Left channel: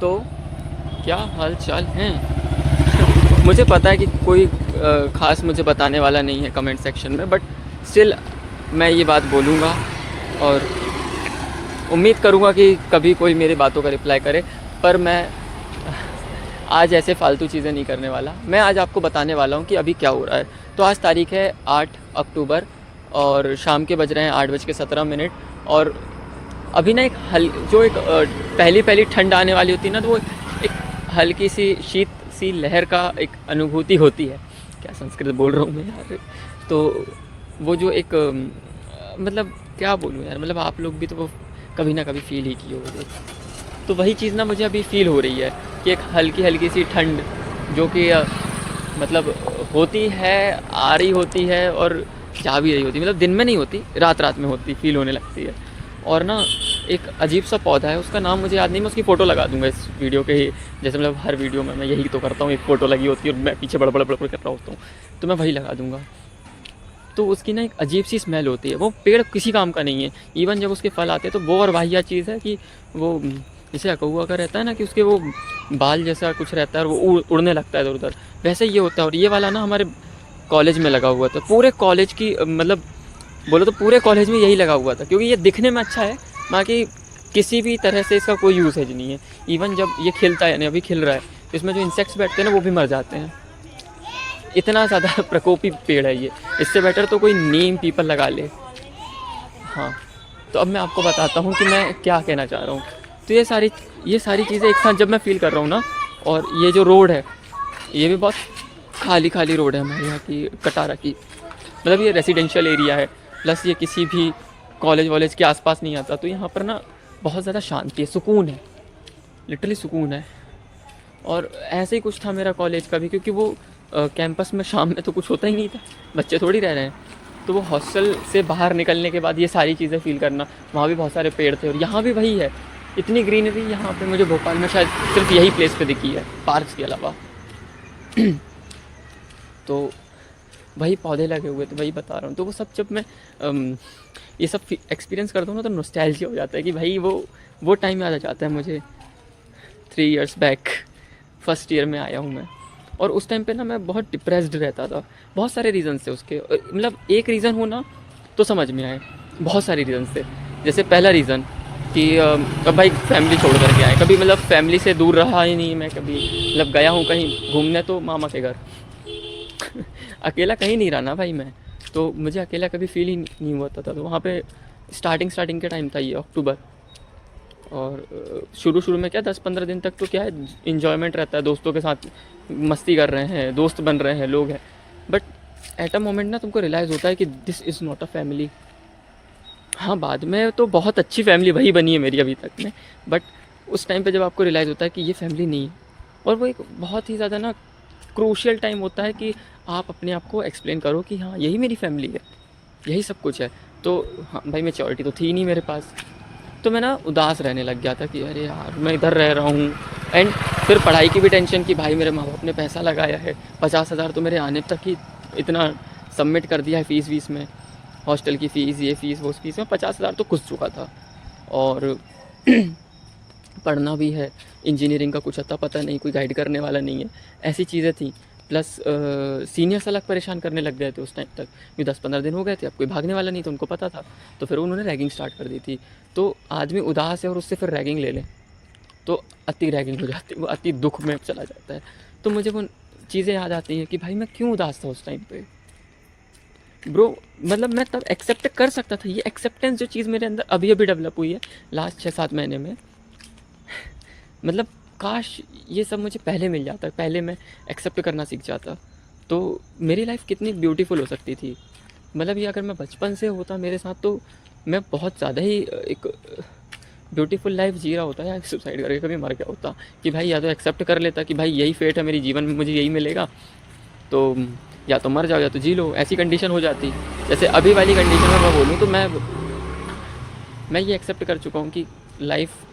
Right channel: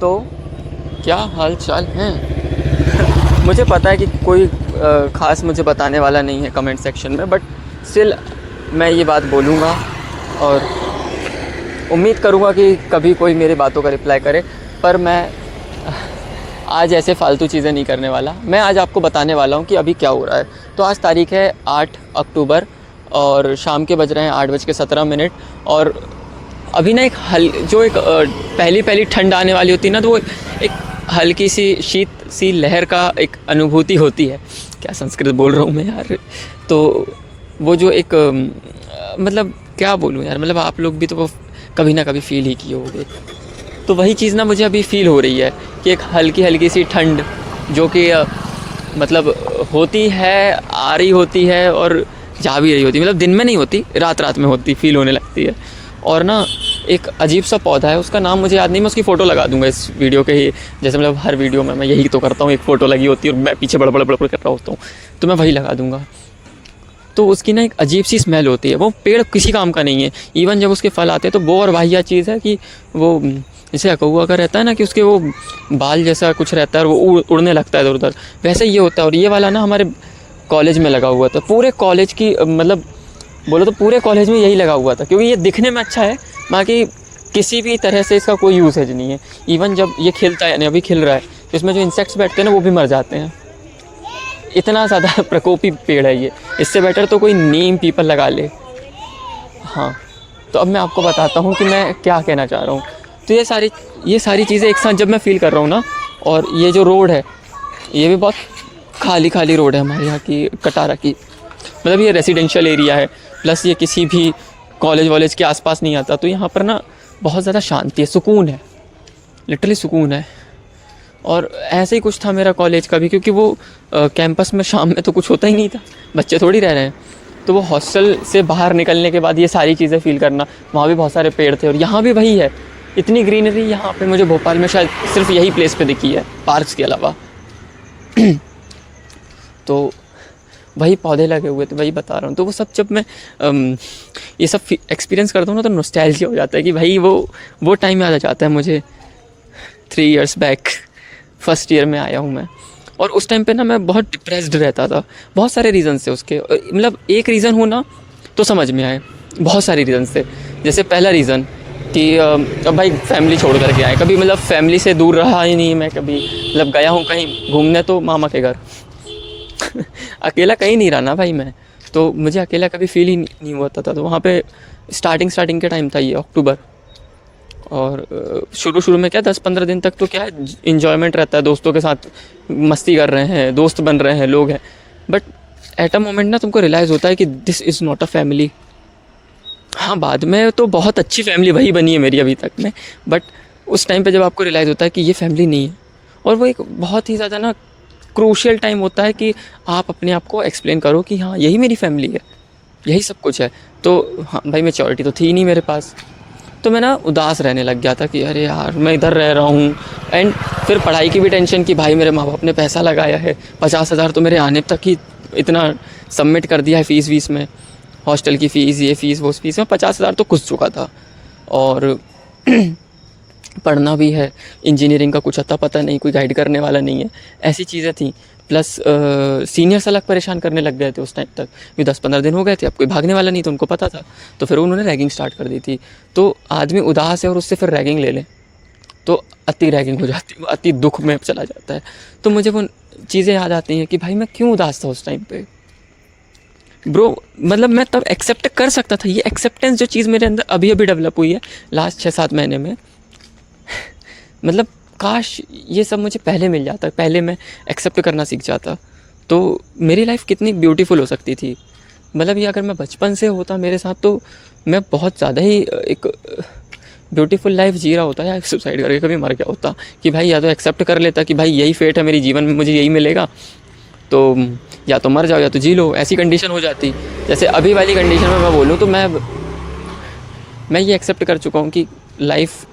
तो क्या हाल चाल हैं? मुझे पता है कि कोई ख़ास मुझे बताने वाला नहीं है कमेंट सेक्शन में, बट स्टिल मैं ये बात बोलूँगा और उम्मीद करूँगा कि कभी कोई मेरी बातों का रिप्लाई करे। पर मैं आज ऐसे फ़ालतू चीज़ें नहीं करने वाला। मैं आज आपको बताने वाला हूँ कि अभी क्या हो रहा है। तो आज तारीख़ है 8 अक्टूबर और शाम के बज रहे हैं 8:17 और अभी ना एक पहली ठंड आने वाली होती है ना, तो वो एक हल्की सी शीत सी लहर का एक अनुभूति होती है। क्या संस्कृत बोल रहा हूँ मैं यार। तो वो जो एक मतलब क्या बोलूँ यार, मतलब आप लोग भी तो वो कभी ना कभी फ़ील ही किए होंगे। तो वही चीज़ ना मुझे अभी फ़ील हो रही है कि एक हल्की सी ठंड जो कि मतलब होती है, आ रही होती है और जा भी रही होती है। मतलब दिन में नहीं होती, रात में होती, फ़ील होने लगती है। और ना एक अजीब सा पौधा है, उसका नाम मुझे याद नहीं, मैं उसकी फ़ोटो लगा दूंगा इस वीडियो के ही। जैसे मतलब हर वीडियो में मैं यही तो करता हूँ, एक फ़ोटो लगी होती है और मैं पीछे बड़बड़ कर रहा होता हूँ, तो मैं वही लगा दूंगा। तो उसकी ना एक अजीब सी स्मेल होती है। वो पेड़ किसी काम का नहीं है। इवन जब उसके फल आते हैं तो वो और वाहियात चीज़ है कि वो जैसे अकौआ का रहता है ना, कि उसके वो बाल जैसा कुछ रहता है और वो उड़ने लगता है इधर उधर, वैसे ये होता है। और ये वाला ना हमारे कॉलेज में लगा हुआ था। पूरे कॉलेज की मतलब बोलो तो पूरे कॉलेज में यही लगा हुआ था, क्योंकि ये दिखने में अच्छा है, बाकी किसी भी तरह से इसका कोई यूसेज नहीं है। इवन जब ये खिलता है, यानी अभी खिल रहा है, तो इसमें जो इंसेक्ट्स बैठते हैं ना वो भी मर जाते हैं। इतना ज़्यादा प्रकोपी पेड़ है ये। इससे बेटर तो कोई नीम पीपल लगा ले। हाँ, तो अब मैं आपको बताता हूँ कि मैं क्या कहना चाह रहा हूँ। तो ये सारी चीज़ें एक साथ जब मैं फ़ील कर रहा हूँ ना, और ये जो रोड है ये भी बहुत खाली रोड है हमारे यहाँ की, कटारा की। मतलब ये रेसिडेंशियल एरिया है, प्लस ये किसी भी कॉलेज के आसपास नहीं आता। तो यहाँ पर ना बहुत ज़्यादा शांति है, सुकून है, लिटरली सुकून है। और ऐसे ही कुछ था मेरा कॉलेज का भी, क्योंकि वो कैंपस में शाम में तो कुछ होता ही नहीं था, बच्चे थोड़ी रह रहे हैं। तो वो हॉस्टल से बाहर निकलने के बाद ये सारी चीज़ें फ़ील करना, वहाँ भी बहुत सारे पेड़ थे और यहाँ भी वही है, इतनी ग्रीनरी यहाँ पे मुझे भोपाल में शायद सिर्फ यही प्लेस पे दिखी है, पार्क्स के अलावा। तो वही पौधे लगे हुए, तो वही बता रहा हूँ। तो वो सब जब मैं ये सब एक्सपीरियंस करता हूँ ना, तो नॉस्टैल्जिया हो जाता है कि भाई वो टाइम याद आ जाता है मुझे। 3 इयर्स बैक फर्स्ट ईयर में आया हूँ मैं, और उस टाइम पे ना मैं बहुत डिप्रेस्ड रहता था। बहुत सारे रीज़न से उसके, मतलब एक रीज़न हो ना तो समझ में आए, बहुत सारे रीज़न से। जैसे पहला रीज़न कि अब भाई फैमिली छोड़ करके आए, कभी मतलब फैमिली से दूर रहा ही नहीं मैं कभी। मतलब गया हूँ कहीं घूमने तो मामा के घर। अकेला कहीं नहीं रहा ना भाई मैं, तो मुझे अकेला कभी फील ही नहीं होता था। तो वहाँ पे स्टार्टिंग के टाइम था ये अक्टूबर, और शुरू में क्या 10-15 दिन तक तो क्या है, इन्जॉयमेंट रहता है, दोस्तों के साथ मस्ती कर रहे हैं, दोस्त बन रहे हैं, लोग हैं। बट एट अ मोमेंट ना तुमको रियलाइज़ होता है कि this is not a family. हाँ, बाद में तो बहुत अच्छी फैमिली वही बनी है मेरी अभी तक में, बट उस टाइम पे जब आपको रियलाइज़ होता है कि ये फैमिली नहीं है, और वो एक बहुत ही ज़्यादा ना क्रूशियल टाइम होता है कि आप अपने आप को एक्सप्लेन करो कि हाँ यही मेरी फैमिली है, यही सब कुछ है। तो हाँ भाई, मैच्योरिटी तो थी ही नहीं मेरे पास। तो मैं ना उदास रहने लग गया था कि अरे यार मैं इधर रह रहा हूँ। एंड फिर पढ़ाई की भी टेंशन कि भाई मेरे माँ बाप ने पैसा लगाया है, 50,000 तो मेरे आने तक ही इतना सबमिट कर दिया है फ़ीस वीस में, हॉस्टल की फ़ीस, ये फ़ीस वो फ़ीस में 50,000 तो घुस चुका था। और पढ़ना भी है, इंजीनियरिंग का कुछ अता पता नहीं, कोई गाइड करने वाला नहीं है, ऐसी चीज़ें थी। प्लस सीनियर्स अलग परेशान करने लग गए थे उस टाइम तक भी। 10-15 दिन हो गए थे, अब कोई भागने वाला नहीं तो उनको पता था, तो फिर उन्होंने रैगिंग स्टार्ट कर दी थी। तो आदमी उदास है और उससे फिर रैगिंग ले ले तो अति रैगिंग हो जाती है, वो अति दुख में चला जाता है। तो मुझे वो चीज़ें याद आती हैं कि भाई मैं क्यों उदास था उस टाइम पे ब्रो। मतलब मैं तब एक्सेप्ट कर सकता था, ये एक्सेप्टेंस जो चीज़ मेरे अंदर अभी डेवलप हुई है लास्ट 6-7 महीने में। मतलब काश ये सब मुझे पहले मिल जाता, पहले मैं एक्सेप्ट करना सीख जाता, तो मेरी लाइफ कितनी ब्यूटीफुल हो सकती थी। मतलब ये अगर मैं बचपन से होता मेरे साथ, तो मैं बहुत ज़्यादा ही एक ब्यूटीफुल लाइफ जी रहा होता, या सुसाइड करके कभी मर गया होता। कि भाई या तो एक्सेप्ट कर लेता कि भाई यही फेट है मेरी जीवन में, मुझे यही मिलेगा, तो या तो मर जाओ या तो जी लो, ऐसी कंडीशन हो जाती। जैसे अभी वाली कंडीशन में मैं बोलूँ तो मैं ये एक्सेप्ट कर चुका हूँ कि लाइफ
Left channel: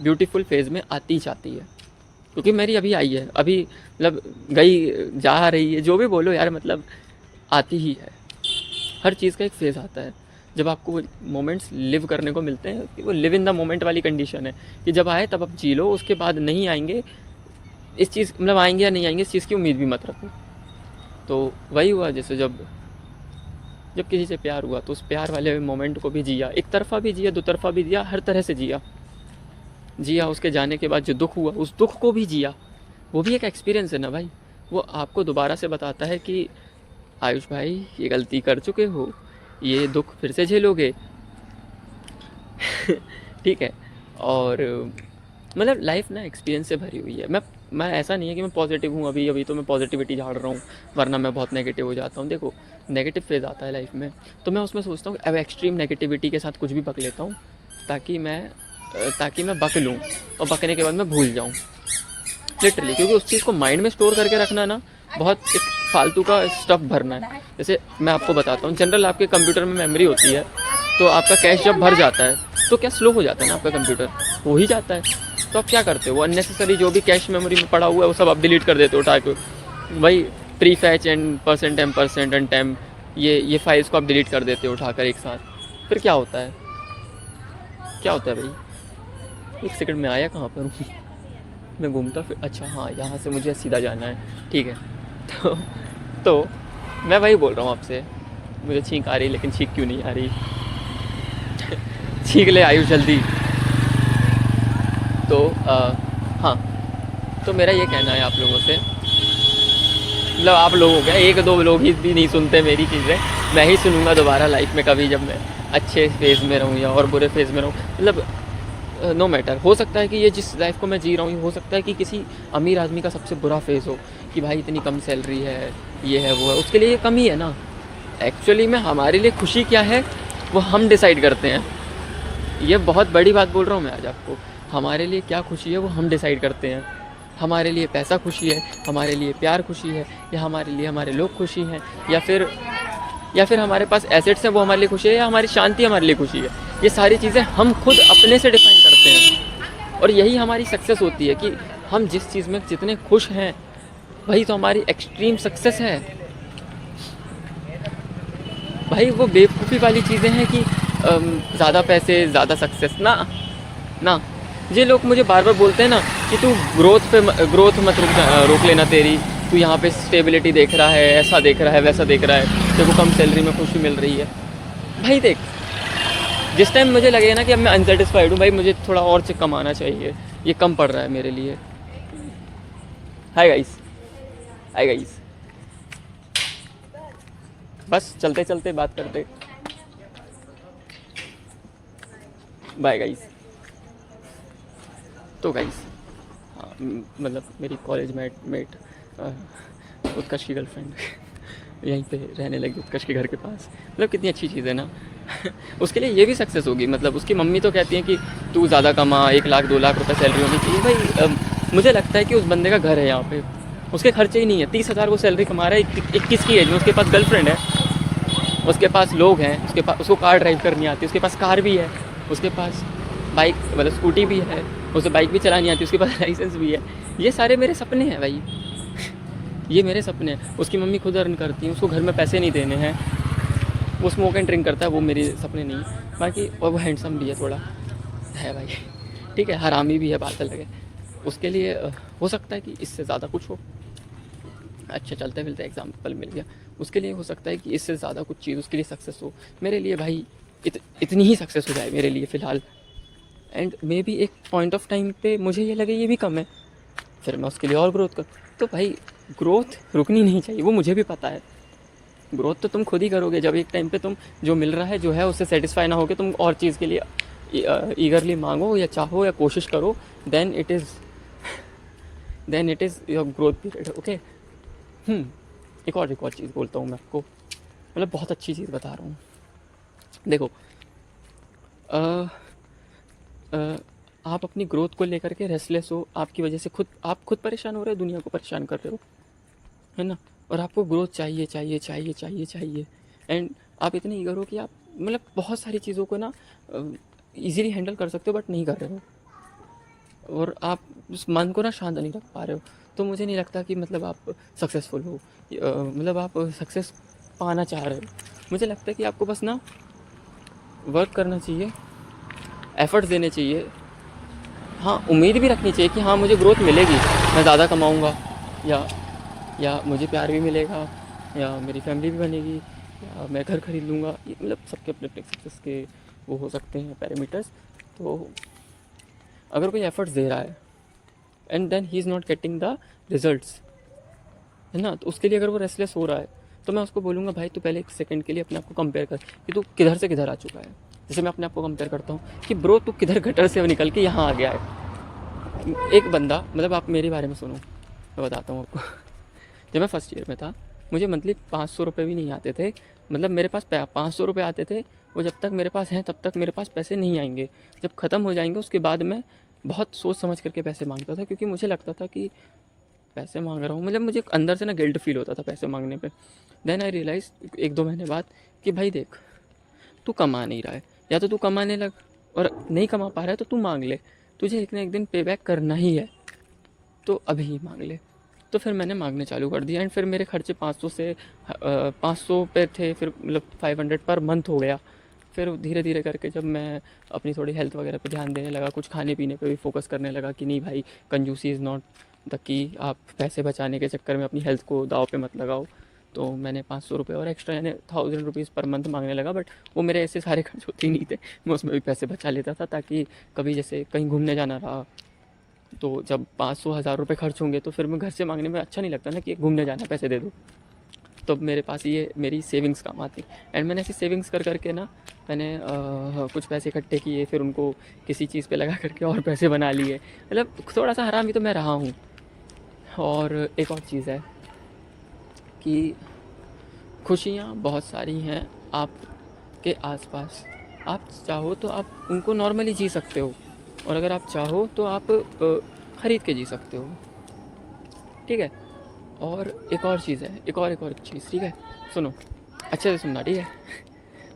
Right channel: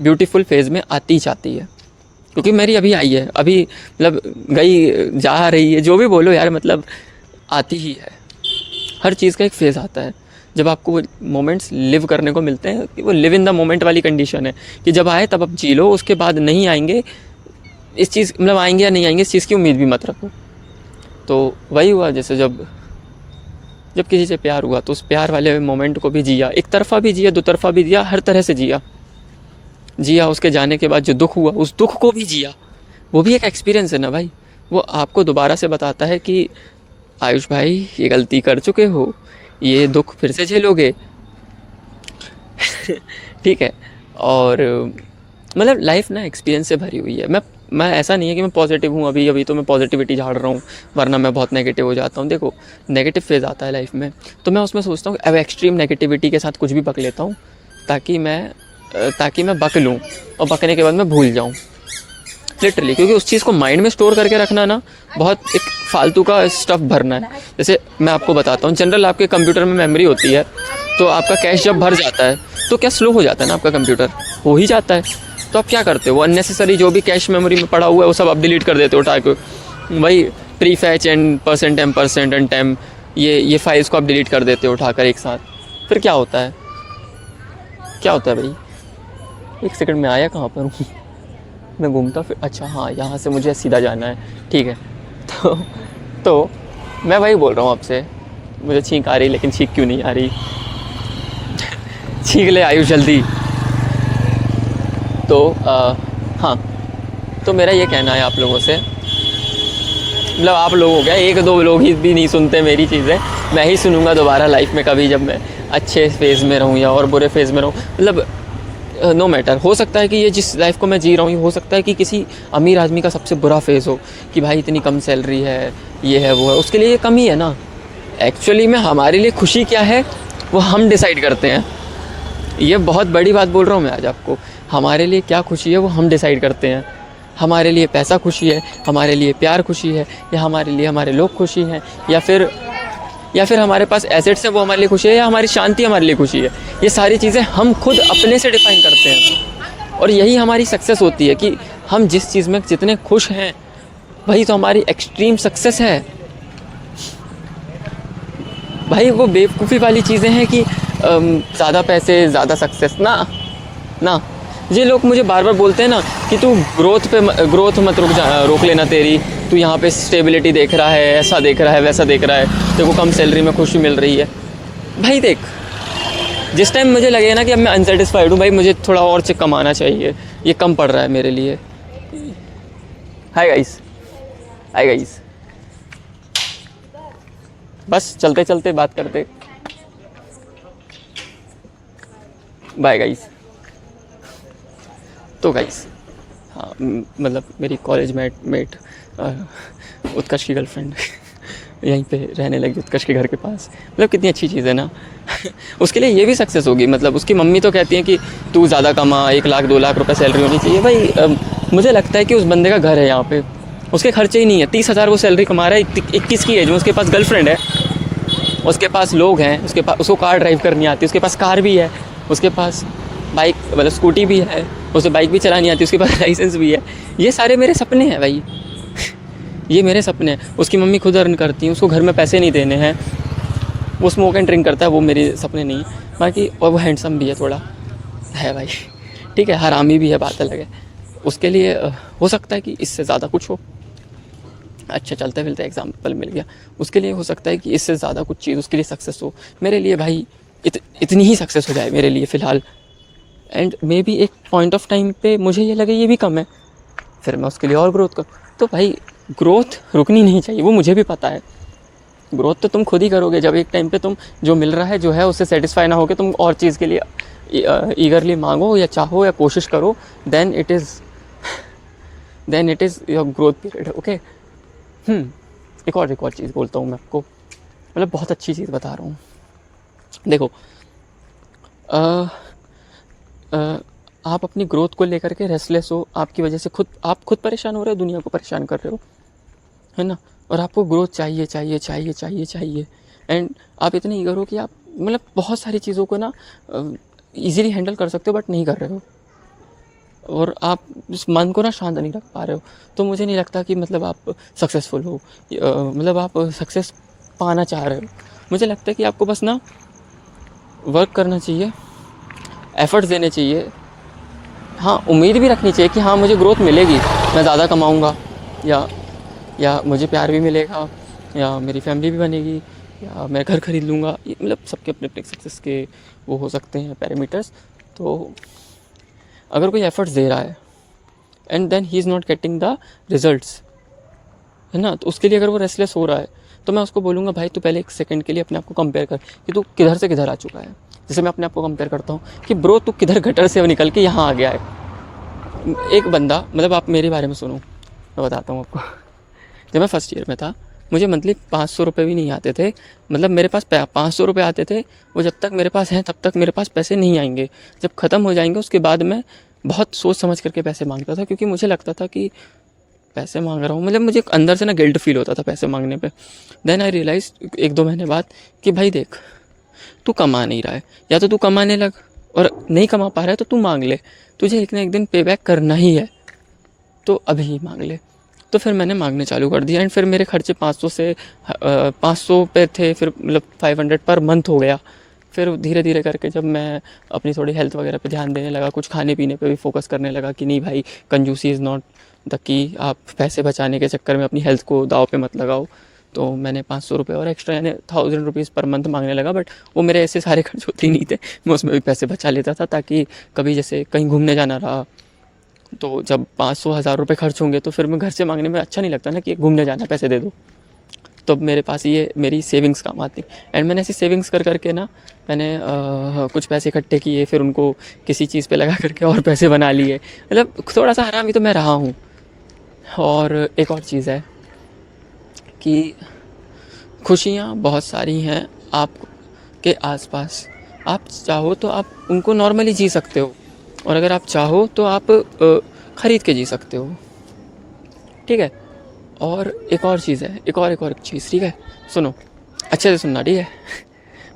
ब्यूटीफुल फेज़ में आती जाती है, क्योंकि मेरी अभी आई है, अभी मतलब गई जा रही है, जो भी बोलो यार, मतलब आती ही है। हर चीज़ का एक फ़ेज़ आता है। जब आपको वो मोमेंट्स लिव करने को मिलते हैं, कि वो लिव इन द मोमेंट वाली कंडीशन है कि जब आए तब आप जी लो, उसके बाद नहीं आएंगे इस चीज़, मतलब आएंगे या नहीं आएंगे इस चीज़ की उम्मीद भी मत रखो। तो वही हुआ, जैसे जब जब किसी से प्यार हुआ तो उस प्यार वाले मोमेंट को भी जिया, एक तरफा भी जिया, दो तरफा भी जिया, हर तरह से जिया। उसके जाने के बाद जो दुख हुआ उस दुख को भी जिया। वो भी एक एक्सपीरियंस है ना भाई, वो आपको दोबारा से बताता है कि आयुष भाई ये गलती कर चुके हो, ये दुख फिर से झेलोगे। ठीक है। और मतलब लाइफ ना एक्सपीरियंस से भरी हुई है। मैं ऐसा नहीं है कि मैं पॉजिटिव हूँ, अभी तो मैं पॉजिटिविटी झाड़ रहा हूँ, वरना मैं बहुत नेगेटिव हो जाता हूँ। देखो नेगेटिव फेज़ आता है लाइफ में, तो मैं उसमें सोचता हूँ अब एक्सट्रीम नेगेटिविटी के साथ कुछ भी पक लेता हूँ ताकि मैं बक लूँ और बकने के बाद मैं भूल जाऊँ लिटरली। क्योंकि उस चीज़ को माइंड में स्टोर करके रखना ना बहुत एक फालतू का स्टफ़ भरना है। जैसे मैं आपको बताता हूँ, जनरल आपके कंप्यूटर में मेमोरी होती है, तो आपका कैश जब भर जाता है तो क्या स्लो हो जाता है ना आपका कंप्यूटर, हो ही जाता है। तो आप क्या करते हो, वो अननेसेसरी जो भी कैश मेमोरी में पड़ा हुआ है वो सब आप डिलीट कर देते हो उठा के। वही prefetch and percent and temp, ये फाइल्स को आप डिलीट कर देते हो उठाकर एक साथ। फिर क्या होता है भाई, एक सेकंड में आया कहाँ पर हूँ मैं घूमता फिर, अच्छा हाँ यहाँ से मुझे सीधा जाना है, ठीक है। तो मैं वही बोल रहा हूँ आपसे, मुझे छींक आ रही, लेकिन छींक क्यों नहीं आ रही। छींक ले आयुष जल्दी। तो हाँ, तो मेरा ये कहना है आप लोगों से, मतलब आप लोग हो गया, एक दो लोग ही भी नहीं सुनते मेरी चीज़ें, मैं ही सुनूंगा दोबारा लाइफ में कभी, जब मैं अच्छे फेज़ में रहूँ या और बुरे फेज़ में रहूँ। मतलब नो मैटर, हो सकता है कि ये जिस लाइफ को मैं जी रहा हूँ, हो सकता है कि किसी अमीर आदमी का सबसे बुरा फेज़ हो कि भाई इतनी कम सैलरी है, ये है वो है, उसके लिए ये कम ही है ना। एक्चुअली में हमारे लिए खुशी क्या है वो हम डिसाइड करते हैं। ये बहुत बड़ी बात बोल रहा हूँ मैं आज आपको, हमारे लिए क्या खुशी है वो हम डिसाइड करते हैं। हमारे लिए पैसा खुशी है, हमारे लिए प्यार खुशी है, या हमारे लिए हमारे लोग खुशी हैं, या फिर हमारे पास एसेट्स हैं वो हमारे लिए खुशी है, या हमारी शांति हमारे लिए खुशी है। ये सारी चीज़ें हम खुद अपने से डिफाइन करते हैं, और यही हमारी सक्सेस होती है कि हम जिस चीज़ में जितने खुश हैं वही तो हमारी एक्सट्रीम सक्सेस है भाई। वो बेवकूफ़ी वाली चीज़ें हैं कि ज़्यादा पैसे ज़्यादा सक्सेस ना। ये लोग मुझे बार बार बोलते हैं ना कि तू ग्रोथ मत रोक लेना तेरी, तू यहाँ पे स्टेबिलिटी देख रहा है, ऐसा देख रहा है, वैसा देख रहा है, तेरे को कम सैलरी में खुशी मिल रही है। भाई देख, जिस टाइम मुझे लगे ना कि अब मैं अनसेटिस्फाइड हूँ भाई, मुझे थोड़ा और से कमाना चाहिए, ये कम पड़ रहा है मेरे लिए। हाय गाइस, बस चलते चलते बात करते, बाय गाइस। तो गाइस हाँ, मतलब मेरी कॉलेज मेट उत्कर्ष की गर्लफ्रेंड यहीं पे रहने लगी उत्कर्ष के घर के पास। मतलब कितनी अच्छी चीज़ है ना। उसके लिए ये भी सक्सेस होगी। मतलब उसकी मम्मी तो कहती है कि तू ज़्यादा कमा, 1 लाख 2 लाख रुपए सैलरी होनी चाहिए। भाई मुझे लगता है कि उस बंदे का घर है यहाँ पे, उसके खर्चे ही नहीं है। 30,000 वो सैलरी कमा रहा है 21 की एज में, उसके पास गर्लफ्रेंड है, उसके पास लोग हैं, उसको कार ड्राइव करनी आती है, उसके पास कार भी है, उसके पास बाइक मतलब स्कूटी भी है, उसे बाइक भी चलानी आती है, उसके पास लाइसेंस भी है। ये सारे मेरे सपने हैं भाई। ये मेरे सपने हैं। उसकी मम्मी खुद अर्न करती हैं, उसको घर में पैसे नहीं देने हैं, वो स्मोक एंड ड्रिंक करता है, वो मेरे सपने नहीं है बाकी। और वो हैंडसम भी है, थोड़ा है भाई, ठीक है, हरामी भी है, बात अलग है। उसके लिए हो सकता है कि इससे ज़्यादा कुछ हो। अच्छा चलते फिलते एग्जाम्पल मिल गया। उसके लिए हो सकता है कि इससे ज़्यादा कुछ चीज़ उसके लिए सक्सेस हो। मेरे लिए भाई इतनी ही सक्सेस हो जाए मेरे लिए फ़िलहाल। एंड मे बी एक पॉइंट ऑफ टाइम पे मुझे ये लगे ये भी कम है, फिर मैं उसके लिए और ग्रोथ करूँ। तो भाई ग्रोथ रुकनी नहीं चाहिए, वो मुझे भी पता है। ग्रोथ तो तुम खुद ही करोगे जब एक टाइम पे तुम जो मिल रहा है जो है उससे सेटिस्फाई ना होकर तुम और चीज़ के लिए ईगरली मांगो या चाहो या कोशिश करो, then it is your growth period. Okay. एक और चीज़ बोलता हूँ मैं आपको, मतलब बहुत अच्छी चीज़ बता रहा हूँ। देखो आप अपनी ग्रोथ को लेकर के रेस्टलेस हो, आपकी वजह से आप खुद परेशान हो रहे हो, दुनिया को परेशान कर रहे हो, है ना। और आपको ग्रोथ चाहिए एंड आप इतने ईगर हो कि आप मतलब बहुत सारी चीज़ों को ना इजीली हैंडल कर सकते हो, बट नहीं कर रहे हो, और आप उस मन को ना शांत नहीं रख पा रहे हो। तो मुझे नहीं लगता कि मतलब आप सक्सेसफुल हो, मतलब आप सक्सेस पाना चाह रहे हो। मुझे लगता है कि आपको बस ना वर्क करना चाहिए, एफ़र्ट्स देने चाहिए। हाँ, उम्मीद भी रखनी चाहिए कि हाँ मुझे ग्रोथ मिलेगी, मैं ज़्यादा कमाऊँगा, या मुझे प्यार भी मिलेगा, या मेरी फैमिली भी बनेगी, या मैं घर खरीद लूँगा। ये मतलब सबके अपने अपने सक्सेस के वो हो सकते हैं पैरामीटर्स। तो अगर कोई एफ़र्ट्स दे रहा है and then he is not getting the results, है ना, तो उसके लिए अगर वो रेस्टलेस हो रहा है तो मैं उसको बोलूँगा भाई तू पहले एक सेकंड के लिए अपने आप को कंपेयर कर कि तू किधर से किधर आ चुका है। जैसे मैं अपने आप को कंपेयर करता हूँ कि ब्रो तू किधर गटर से निकल के यहाँ आ गया है। एक बंदा, मतलब आप मेरे बारे में सुनो, मैं बताता हूँ आपको। जब मैं फर्स्ट ईयर में था मुझे मंथली 500 रुपये भी नहीं आते थे। मतलब मेरे पास 500 रुपये आते थे, वो जब तक मेरे पास हैं तब तक मेरे पास पैसे नहीं आएंगे। जब ख़त्म हो जाएंगे उसके बाद मैं बहुत सोच समझ करके पैसे मांगता था, क्योंकि मुझे लगता था कि पैसे मांग रहा हूँ, मतलब मुझे अंदर से ना गिल्ट फील होता था पैसे मांगने पे। देन आई रियलाइज 1-2 महीने बाद कि भाई देख, तू कमा नहीं रहा है, या तो तू कमाने लग, और नहीं कमा पा रहा है तो तू मांग ले, तुझे एक ना एक दिन पे बैक करना ही है, तो अभी ही मांग ले। तो फिर मैंने मांगने चालू कर दिया एंड फिर मेरे खर्चे 500 से 500 पे थे, फिर मतलब 500 पर मंथ हो गया। फिर धीरे धीरे करके जब मैं अपनी थोड़ी हेल्थ वगैरह पे ध्यान देने लगा, कुछ खाने पीने पे भी फोकस करने लगा कि नहीं भाई कंजूसी इज़ नॉट द की, आप पैसे बचाने के चक्कर में अपनी हेल्थ को दाव पे मत लगाओ। तो मैंने 500 रुपये और एक्स्ट्रा यानी 1000 रुपीज़ पर मंथ मांगने लगा। बट वो मेरे ऐसे सारे खर्च होते ही नहीं थे, मैं उसमें भी पैसे बचा लेता था, ताकि कभी जैसे कहीं घूमने जाना रहा तो जब 500-1000 रुपये खर्च होंगे तो फिर मैं घर से मांगने में अच्छा नहीं लगता ना कि घूमने जाना पैसे दे दो। तो मेरे पास ये मेरी सेविंग्स काम आती। एंड मैंने ऐसी सेविंग्स कर करके ना मैंने कुछ पैसे इकट्ठे किए, फिर उनको किसी चीज़ पे लगा करके और पैसे बना लिए। मतलब थोड़ा सा हरामी तो मैं रहा हूँ। और एक और चीज़ है कि खुशियाँ बहुत सारी हैं आपके आसपास, आप चाहो तो आप उनको नॉर्मली जी सकते हो, और अगर आप चाहो तो आप ख़रीद के जी सकते हो, ठीक है। और एक और चीज़ है, एक और चीज़, ठीक है, सुनो अच्छे से सुनना, ठीक है।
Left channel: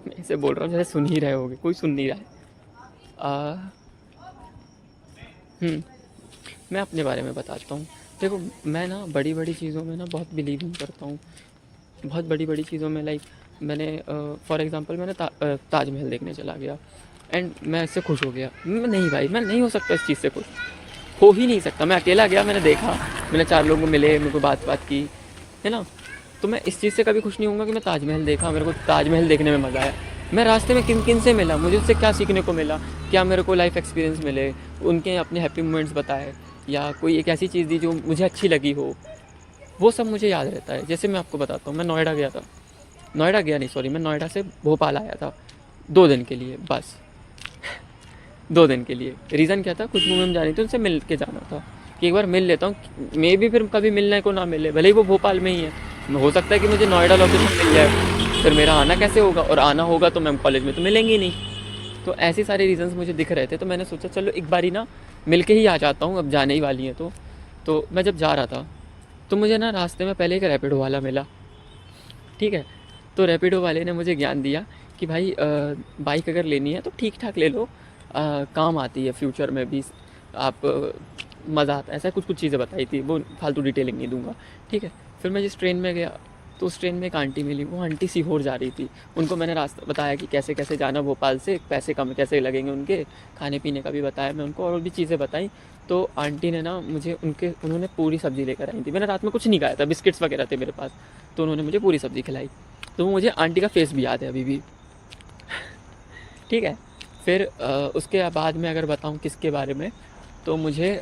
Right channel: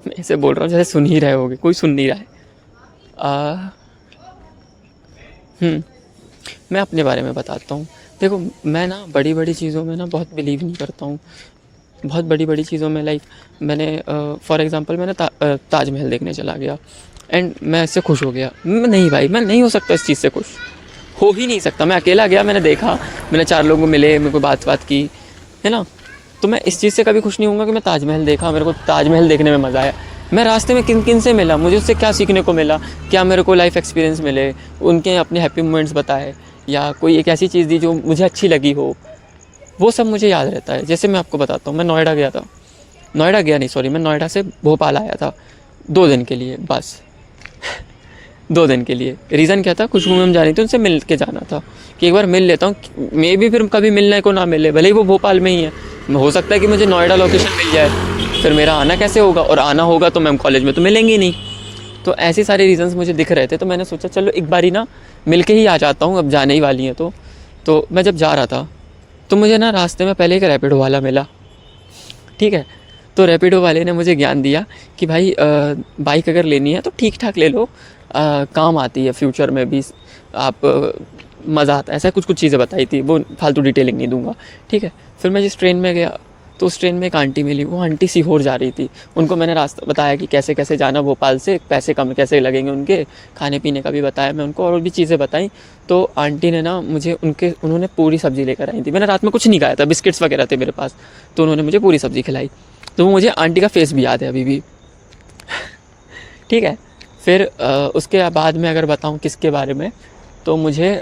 मैं ऐसे बोल रहा हूँ जैसे सुन ही रहे होगे, कोई सुन नहीं रहा है। आ, मैं अपने बारे में बताता हूँ। देखो मैं ना बड़ी बड़ी चीज़ों में ना बहुत बिलीव नहीं करता हूँ। बहुत बड़ी बड़ी चीज़ों में लाइक मैंने फॉर एग्ज़ाम्पल मैंने ताजमहल देखने चला गया एंड मैं इससे खुश हो गया। नहीं भाई, मैं नहीं हो सकता इस चीज़ से खुश, हो ही नहीं सकता। मैं अकेला गया, मैंने देखा, मैंने 4 लोगों को मिले, मेरे को बात की, है ना। तो मैं इस चीज़ से कभी खुश नहीं होऊंगा कि मैं ताजमहल देखा, मेरे को ताजमहल देखने में मज़ा आया। मैं रास्ते में किन किन से मिला, मुझे उससे क्या सीखने को मिला, क्या मेरे को लाइफ एक्सपीरियंस मिले, उनके अपने हैप्पी मोमेंट्स बताए, या कोई एक ऐसी चीज़ दी जो मुझे अच्छी लगी हो, वो सब मुझे याद रहता है। जैसे मैं आपको बताता हूँ, मैं नोएडा गया था, नोएडा गया नहीं सॉरी, मैं नोएडा से भोपाल आया था 2 दिन के लिए बस। 2 दिन के लिए। रीज़न क्या था, खुशबू मैम जानी थी, उनसे मिल के जाना था कि एक बार मिल लेता हूँ, मे भी फिर कभी मिलने को ना मिले, भले ही वो भोपाल में ही है, हो सकता है कि मुझे नोएडा लोकेशन मिल जाए, फिर मेरा आना कैसे होगा, और आना होगा तो मैम कॉलेज में तो मिलेंगी नहीं। तो ऐसे सारे रीज़न्स मुझे दिख रहे थे, तो मैंने सोचा चलो एक बारी ना मिल के ही आ जाता हूँ, अब जाने ही वाली हैं। तो मैं जब जा रहा था तो मुझे ना रास्ते में पहले एक रैपिडो वाला मिला, ठीक है। तो रैपिडो वाले ने मुझे ज्ञान दिया कि भाई बाइक अगर लेनी है तो ठीक ठाक ले लो, काम आती है फ्यूचर में भी, आप मज़ा आता है, ऐसा कुछ चीज़ें बताई थी, वो फालतू डिटेलिंग नहीं दूंगा, ठीक है। फिर मैं जिस ट्रेन में गया तो उस ट्रेन में एक आंटी मिली, वो आंटी सीहोर जा रही थी। उनको मैंने रास्ता बताया कि कैसे कैसे जाना भोपाल से, पैसे कम कैसे लगेंगे उनके, खाने पीने का भी बताया मैं उनको, और भी चीज़ें बताई। तो आंटी ने ना मुझे उन्होंने पूरी सब्ज़ी लेकर आई थी। मैंने रात में कुछ नहीं खाया था, बिस्किट्स वगैरह थे मेरे पास, तो उन्होंने मुझे पूरी सब्ज़ी खिलाई। तो मुझे आंटी का फेस भी याद है अभी भी, ठीक है। फिर उसके बाद में अगर बताऊँ किसके बारे में, तो मुझे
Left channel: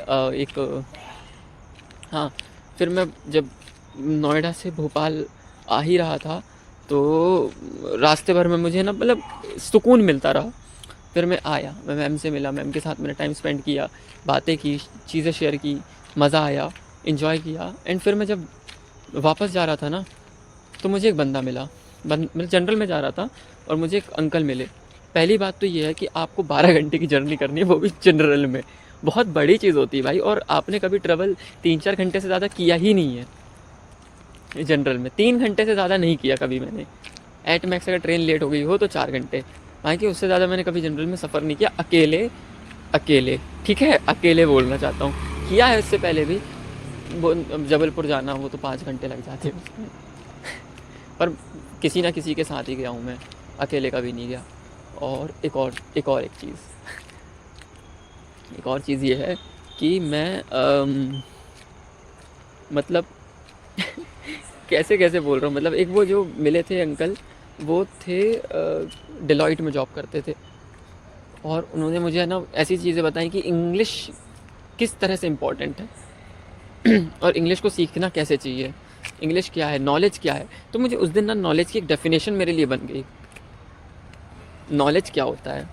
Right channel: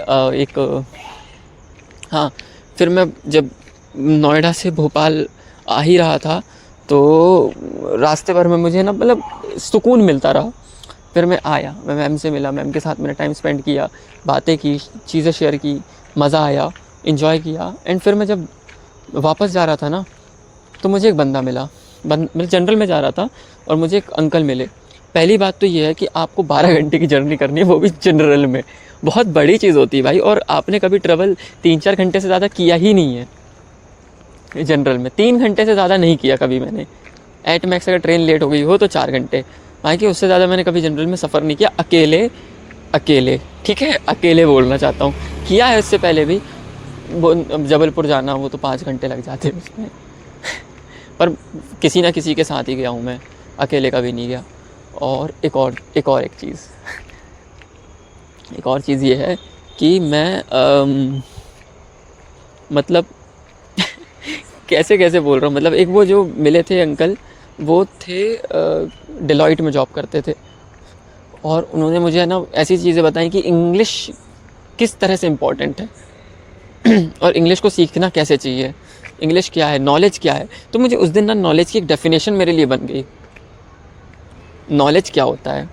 हाँ, फिर मैं जब नोएडा से भोपाल आ ही रहा था तो रास्ते भर में मुझे ना मतलब सुकून मिलता रहा। फिर मैं आया, मैं मैम से मिला, मैम के साथ मैंने टाइम स्पेंड किया, बातें की, चीज़ें शेयर की, मज़ा आया, इन्जॉय किया। एंड फिर मैं जब वापस जा रहा था ना तो मुझे एक बंदा मिला, मैं जनरल में जा रहा था और मुझे एक अंकल मिले। पहली बात तो ये है कि आपको 12 घंटे की जर्नी करनी है, वो भी जनरल में, बहुत बड़ी चीज़ होती है भाई। और आपने कभी ट्रेवल 3-4 घंटे से ज़्यादा किया ही नहीं है जनरल में, 3 घंटे से ज़्यादा नहीं किया कभी मैंने। एट मैक्स अगर ट्रेन लेट हो गई हो तो 4 घंटे, बाकी उससे ज़्यादा मैंने कभी जनरल में सफ़र नहीं किया अकेले, ठीक है, अकेले बोलना चाहता हूँ। किया है उससे पहले भी, जबलपुर जाना वो तो 5 घंटे लग जाते हैं उसमें पर किसी ना किसी के साथ ही गया हूँ मैं, अकेले कभी नहीं गया। और एक चीज़, एक और चीज़ ये है कि मैं मतलब कैसे कैसे बोल रहा हूँ, मतलब एक वो जो मिले थे अंकल, वो थे डिलॉइट में जॉब करते थे, और उन्होंने मुझे है ना ऐसी चीज़ें बताई कि इंग्लिश किस तरह से इम्पोर्टेंट है और इंग्लिश को सीखना कैसे चाहिए, इंग्लिश क्या है, नॉलेज क्या है। तो मुझे उस दिन ना नॉलेज की एक डेफिनेशन मेरे लिए बन गई। नॉलेज क्या होता है,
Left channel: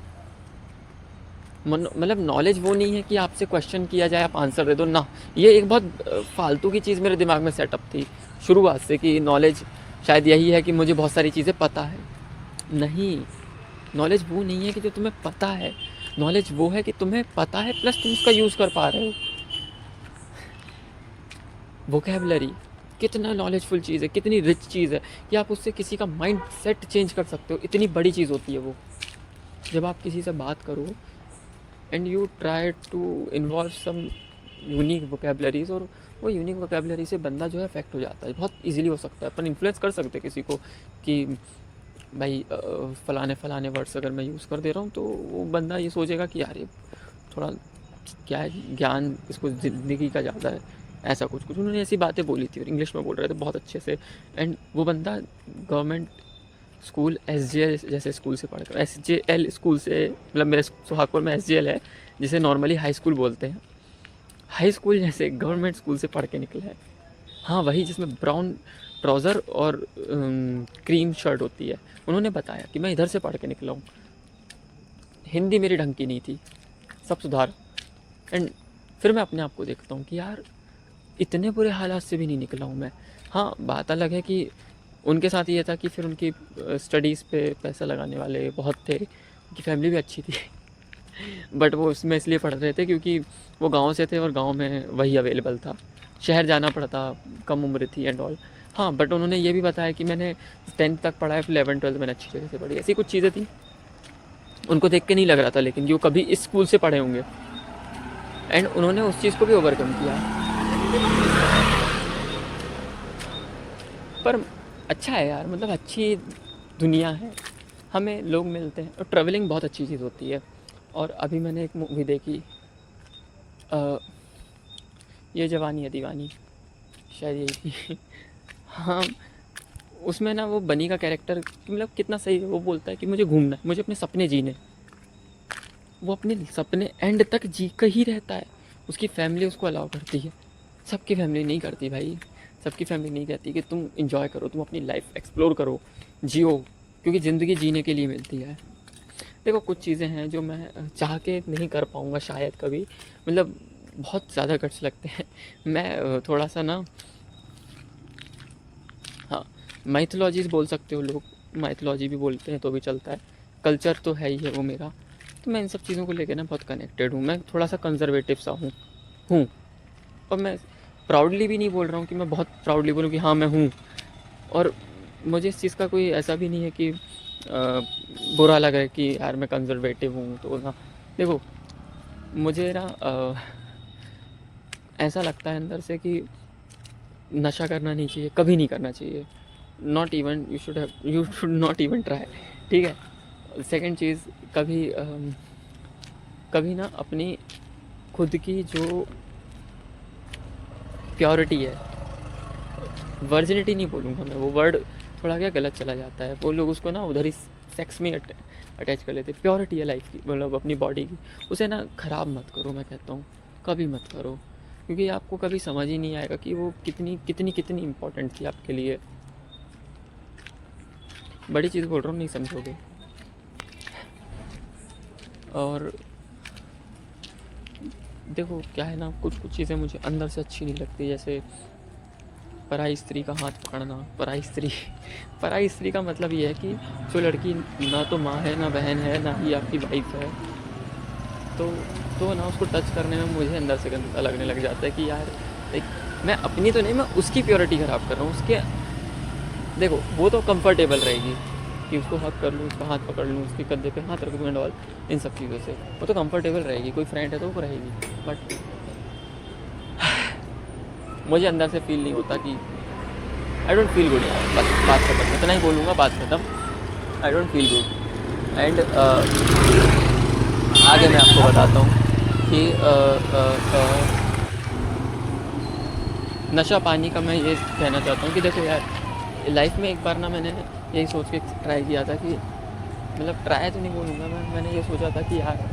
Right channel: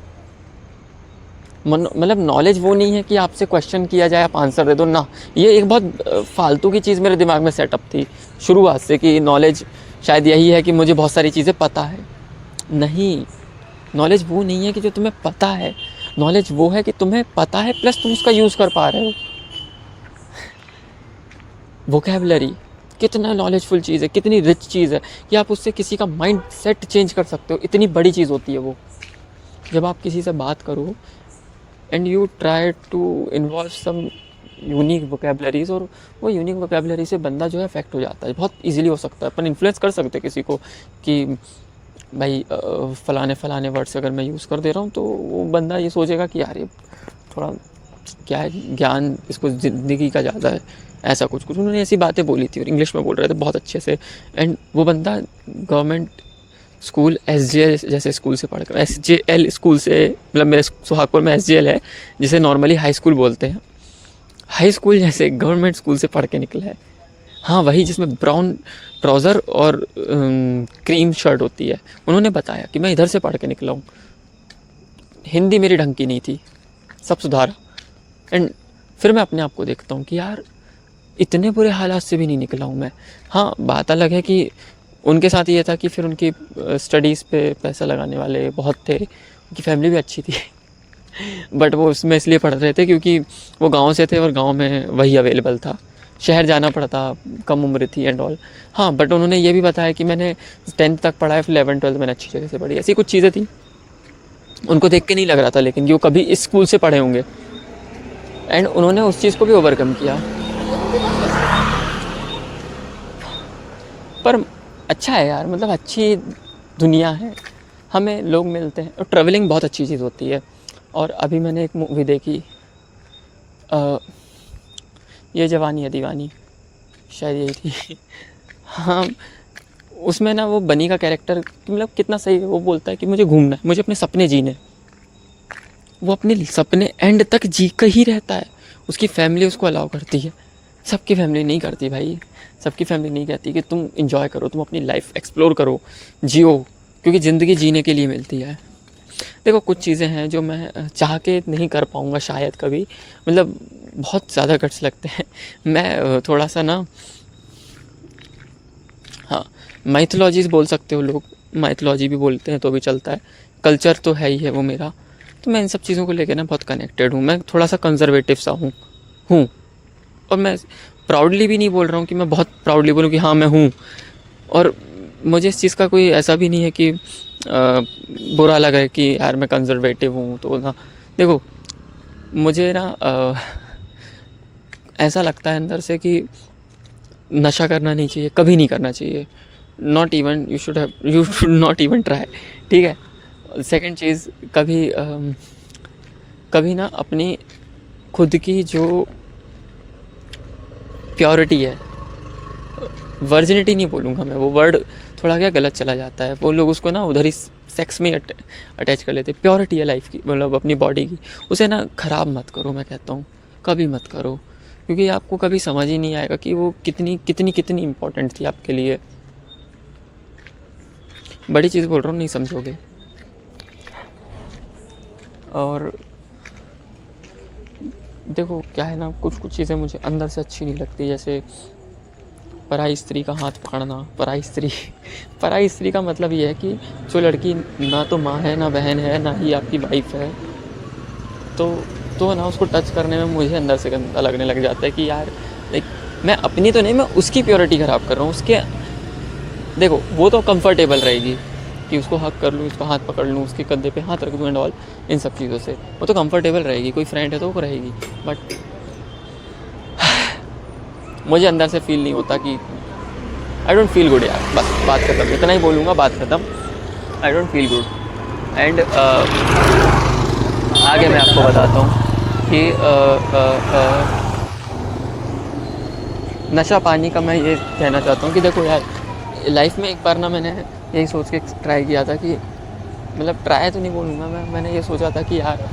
मतलब नॉलेज वो नहीं है कि आपसे क्वेश्चन किया जाए आप आंसर दे दो ना। ये एक बहुत फालतू की चीज़ मेरे दिमाग में सेटअप थी शुरुआत से कि नॉलेज शायद यही है कि मुझे बहुत सारी चीज़ें पता है। नहीं, नॉलेज वो नहीं है कि जो तुम्हें पता है, नॉलेज वो है कि तुम्हें पता है प्लस तुम उसका यूज़ कर पा रहे हो। वोकैबुलरी कितना नॉलेजफुल चीज़ है, कितनी रिच चीज़ है कि आप उससे किसी का माइंड सेट चेंज कर सकते हो। इतनी बड़ी चीज़ होती है वो, जब आप किसी से बात करो and you try to involve some unique vocabularies, और वो यूनिक वोकेबलरी से बंदा जो है अफेक्ट हो जाता है। बहुत इजीली हो सकता है, अपन इन्फ्लुएंस कर सकते हैं किसी को कि भाई फ़लाने वर्ड्स अगर मैं यूज़ कर दे रहा हूँ तो वो बंदा ये सोचेगा कि यार ये थोड़ा क्या है, ज्ञान इसको ज़िंदगी का ज़्यादा है, ऐसा कुछ कुछ उन्होंने ऐसी बातें बोली थी और इंग्लिश में बोल रहे थे बहुत अच्छे से। एंड वो बंदा गवर्नमेंट स्कूल SJL जैसे स्कूल से पढ़ कर, SJL स्कूल से, मतलब मेरे सुहागपुर में SJL है जिसे नॉर्मली हाई स्कूल बोलते हैं, हाई स्कूल जैसे गवर्नमेंट स्कूल से पढ़ के निकला है। हाँ, वही जिसमें ब्राउन ट्राउज़र और क्रीम शर्ट होती है। उन्होंने बताया कि मैं इधर से पढ़ के निकला हूँ, हिंदी मेरी ढंग की नहीं थी, सब सुधारा। एंड फिर मैं अपने आप को देखता हूँ कि यार इतने बुरे हालात से भी नहीं निकला हूँ मैं। हाँ, बात अलग है कि उनके साथ ये था कि फिर उनकी स्टडीज़ पे पैसा लगाने वाले बहुत थे, उनकी फैमिली भी अच्छी थी बट वो उसमें इसलिए पढ़ रहे थे क्योंकि वो गांव से थे और गांव में वही अवेलेबल था, शहर जाना पड़ता, कम उम्र थी एंड ऑल। हाँ, बट उन्होंने ये भी बताया कि मैंने 10th तक पढ़ा है, फिर 11th 12th मैंने अच्छी जगह से पढ़ी, ऐसी कुछ चीज़ें थी। उनको देख के नहीं लग रहा था लेकिन कि वो कभी इस स्कूल से पढ़े होंगे, एंड उन्होंने उस चीज़ को भी ओवरकम किया। पर अच्छा है यार, मतलब अच्छी दुनिया है, हमें लोग मिलते हैं और ट्रैवलिंग बहुत अच्छी चीज़ होती है। और अभी मैंने एक मूवी देखी, अ, ये जवानी है दीवानी, शायद यही थी हाँ, उसमें ना वो बनी का कैरेक्टर मतलब कितना सही है। वो बोलता है कि मुझे घूमना है, मुझे अपने सपने जीने हैं। वो अपने सपने एंड तक जी कर ही रहता है, उसकी फैमिली उसको अलाउ करती है, सबकी फैमिली नहीं करती भाई। सबकी फैमिली नहीं कहती कि तुम इंजॉय करो, तुम अपनी लाइफ एक्सप्लोर करो, जियो, क्योंकि ज़िंदगी जीने के लिए मिलती है। देखो कुछ चीज़ें हैं जो मैं चाह के नहीं कर पाऊँगा शायद कभी, मतलब बहुत ज़्यादा गट्स लगते हैं। मैं थोड़ा सा ना, हाँ, माइथोलॉजीज बोल सकते हो लोग, माइथोलॉजी भी बोलते हैं तो भी चलता है, कल्चर तो है ही है वो मेरा। तो मैं इन सब चीज़ों को लेकर ना बहुत कनेक्टेड हूँ। मैं थोड़ा सा कंजर्वेटिव सा हूँ। और मैं प्राउडली भी नहीं बोल रहा हूँ कि मैं बहुत प्राउडली बोलूँ कि हाँ मैं हूँ, और मुझे इस चीज़ का कोई ऐसा भी नहीं है कि बुरा लगा कि यार मैं कंजर्वेटिव हूँ तो ना। देखो मुझे ना ऐसा लगता है अंदर से कि नशा करना नहीं चाहिए, कभी नहीं करना चाहिए, not even you should not even try, ठीक है। सेकंड चीज़, कभी ना अपनी खुद की जो प्योरिटी है, वर्जिनिटी नहीं बोलूँगा मैं, वो वर्ड थोड़ा क्या गलत चला जाता है, वो लोग उसको ना उधर ही सेक्स में अटैच कर लेते। प्योरिटी है लाइफ की, मतलब अपनी बॉडी की, उसे ना ख़राब मत करो, मैं कहता हूँ कभी मत करो, क्योंकि आपको कभी समझ ही नहीं आएगा कि वो कितनी कितनी कितनी इम्पोर्टेंट थी आपके लिए। बड़ी चीज़ बोल रहा हूँ, नहीं समझोगे। और देखो क्या है ना, कुछ कुछ चीज़ें मुझे अंदर से अच्छी नहीं लगती, जैसे पराई स्त्री का हाथ पकड़ना। पराई स्त्री का मतलब ये है कि जो लड़की ना तो माँ है, ना बहन है, ना ही आपकी वाइफ है, तो ना उसको टच करने में मुझे अंदर से गंदा लगने लग जाता है कि यार लाइक मैं अपनी तो नहीं, मैं उसकी प्योरिटी ख़राब कर रहा हूँ उसके। देखो वो तो कंफर्टेबल रहेगी कि उसको हक कर लूँ, उसको हाथ पकड़ लूँ, उसके कंधे पे हाथ रख दूँ एंड ऑल, इन सब चीज़ों से वो तो कंफर्टेबल रहेगी, कोई फ्रेंड है तो वो रहेगी। बट मुझे अंदर से फील नहीं होता कि आई डोंट फील गुड यार, बस बात खत्म, इतना ही बोलूँगा, बात खत्म। I don't feel good. And आगे मैं आपको बताता हूँ कि नशा पानी का मैं ये कहना चाहता हूँ कि देखो यार, लाइफ में एक बार ना मैंने यही सोच के ट्राई किया था कि, मतलब ट्राई तो नहीं बोलूँगा मैंने ये सोचा था कि यार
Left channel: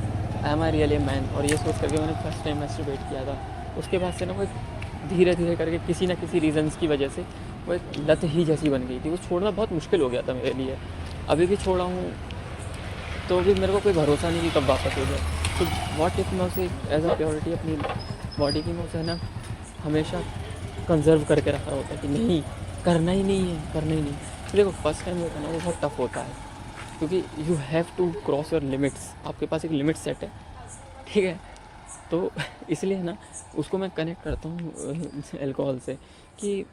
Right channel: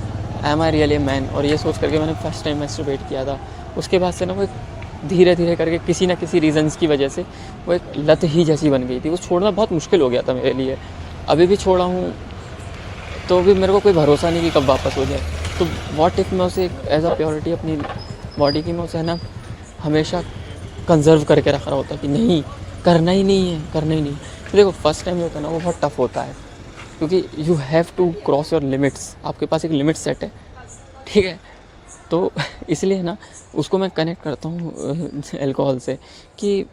एम आई रियली मैन, और ये सोच करके मैंने फर्स्ट टाइम मैस्टरबेट किया था। उसके बाद से ना वो धीरे धीरे करके किसी ना किसी रीज़न्स की वजह से वो एक लत ही जैसी बन गई थी। वो छोड़ना बहुत मुश्किल हो गया था मेरे लिए। अभी भी छोड़ा हूँ तो भी मेरे को कोई भरोसा नहीं कि कब वापस हो जाए। तो व्हाट इफ़ मैं उसे एज अ प्योरिटी अपनी बॉडी की मैं उसे ना हमेशा कंजर्व करके रख रहा होता कि नहीं, करना ही नहीं है, करना ही नहीं। तो देखो फर्स्ट टाइम जो होता है ना वो बहुत टफ होता है, क्योंकि you have to cross your limits. आपके पास एक लिमिट सेट है, ठीक है। तो इसलिए ना उसको मैं कनेक्ट करता हूँ अल्कोहल से कि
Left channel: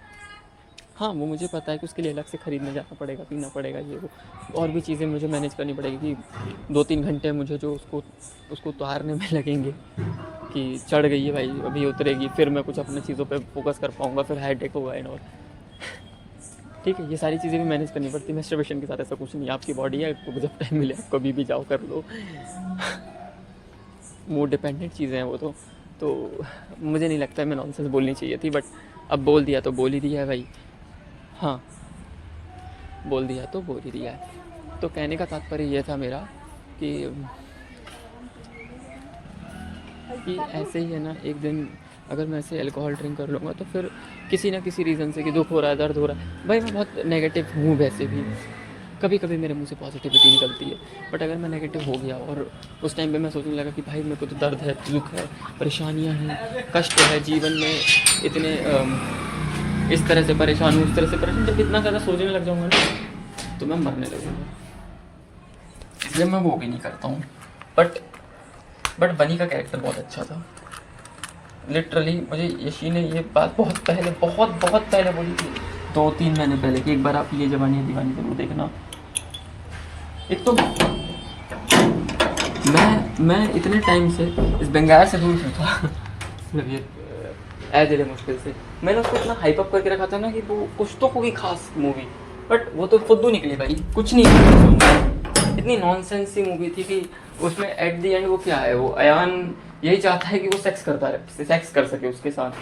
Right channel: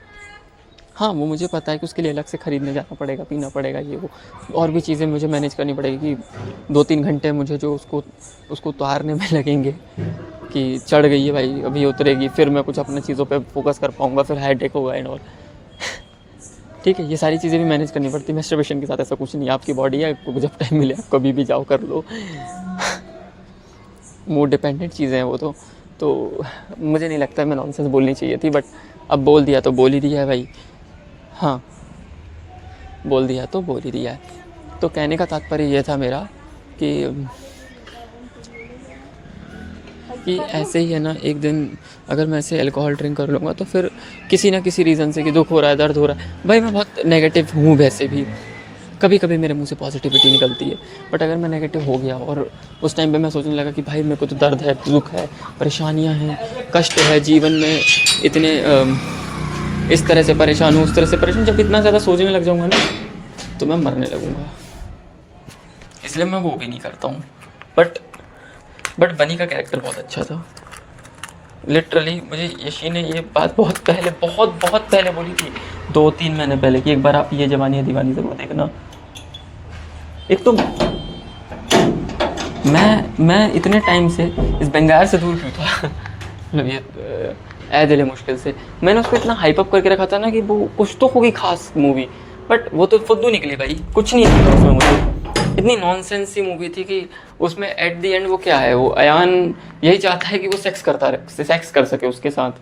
हाँ, वो मुझे पता है कि उसके लिए अलग से ख़रीदने जाना पड़ेगा, पीना पड़ेगा, ये वो और भी चीज़ें मुझे मैनेज करनी पड़ेगी कि 2-3 घंटे मुझे जो उसको उतारने में लगेंगे कि चढ़ गई है भाई, अभी उतरेगी, फिर मैं कुछ अपनी चीज़ों पे फोकस कर पाऊँगा, फिर हेडेक होगा एंड ऑल। ठीक है, ये सारी चीज़ें भी मैनेज करनी पड़ती है। मैस्टरबेशन के साथ ऐसा कुछ नहीं है, आपकी बॉडी है, आपको जब टाइम मिले आप कभी भी जाओ कर लो। मूड डिपेंडेंट चीज़ें हैं वो तो मुझे नहीं लगता मैं नॉनसेंस बोलनी चाहिए थी, बट अब बोल दिया तो बोल ही दिया है भाई। हाँ, बोल दिया तो बोल ही दिया है। तो कहने का तात्पर्य ये था मेरा कि ऐसे ही है ना, एक दिन अगर मैं ऐसे अल्कोहल ड्रिंक कर लूँगा तो फिर किसी ना किसी रीज़न से कि दुख हो रहा है, दर्द हो रहा है, भाई मैं बहुत नेगेटिव हूँ वैसे भी। कभी कभी मेरे मुंह से पॉजिटिविटी निकलती है, बट अगर मैं नेगेटिव हो गया और उस टाइम पे मैं सोचने लगा कि भाई मेरे को तो दर्द है, दुख है, परेशानियाँ हैं, कष्ट है जीवन में, इतने इस तरह से परेशान हूँ, उस तरह से परेशान, जब इतना ज़्यादा सोचने लग जाऊँगा ना तो मैं मरने लगूँगा। इसलिए मैं वो भी नहीं करता हूँ। बट बनी का कैरेक्टर बहुत अच्छा था। लिटरली मुझे यशी ने ये बात बहुत पहले बोली थी, 2-3 महीने पहले, कि एक बार आप ये जवानी है दीवानी ज़रूर देखना। एक तो मैं इतने टाइम से इस बंगाल से दूर था, मतलब ये दिले मुश्किल से मैंने उसको इतना हाइप अप करके रखा था ना कि वो कुछ तो होगी खास मूवी, बट वो तो फुद्दू निकली भाई, कुछ नहीं निकला उसमें। मुझे इतनी नॉनसेंस सी मूवी थी कि उसमें एट द एंड वो क्या है, वो अयान यही चाहता है कि वो सेक्स कर सके उसके साथ।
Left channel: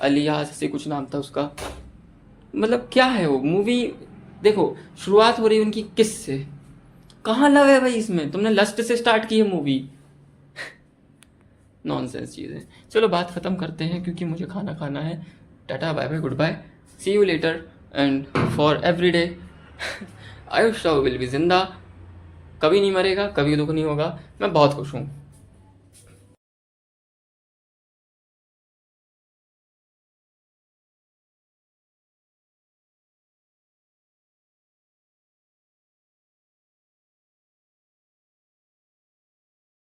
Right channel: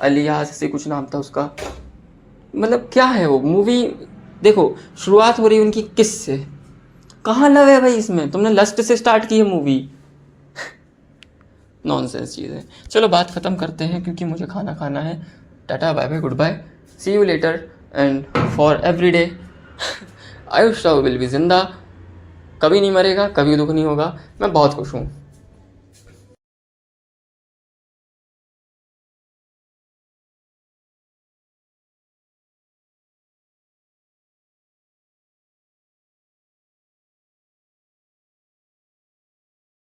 अलियास से कुछ नाम था उसका, मतलब क्या है वो मूवी। देखो शुरुआत हो रही है उनकी किस से, कहाँ लव है भाई इसमें, तुमने लस्ट से स्टार्ट की है मूवी। नॉनसेंस चीज़ है। चलो बात ख़त्म करते हैं क्योंकि मुझे खाना खाना है। Tata bye bye goodbye, see you later, and for every day Ayush Rao will be जिंदा, कभी नहीं मरेगा, कभी दुख नहीं होगा। मैं बहुत खुश हूँ।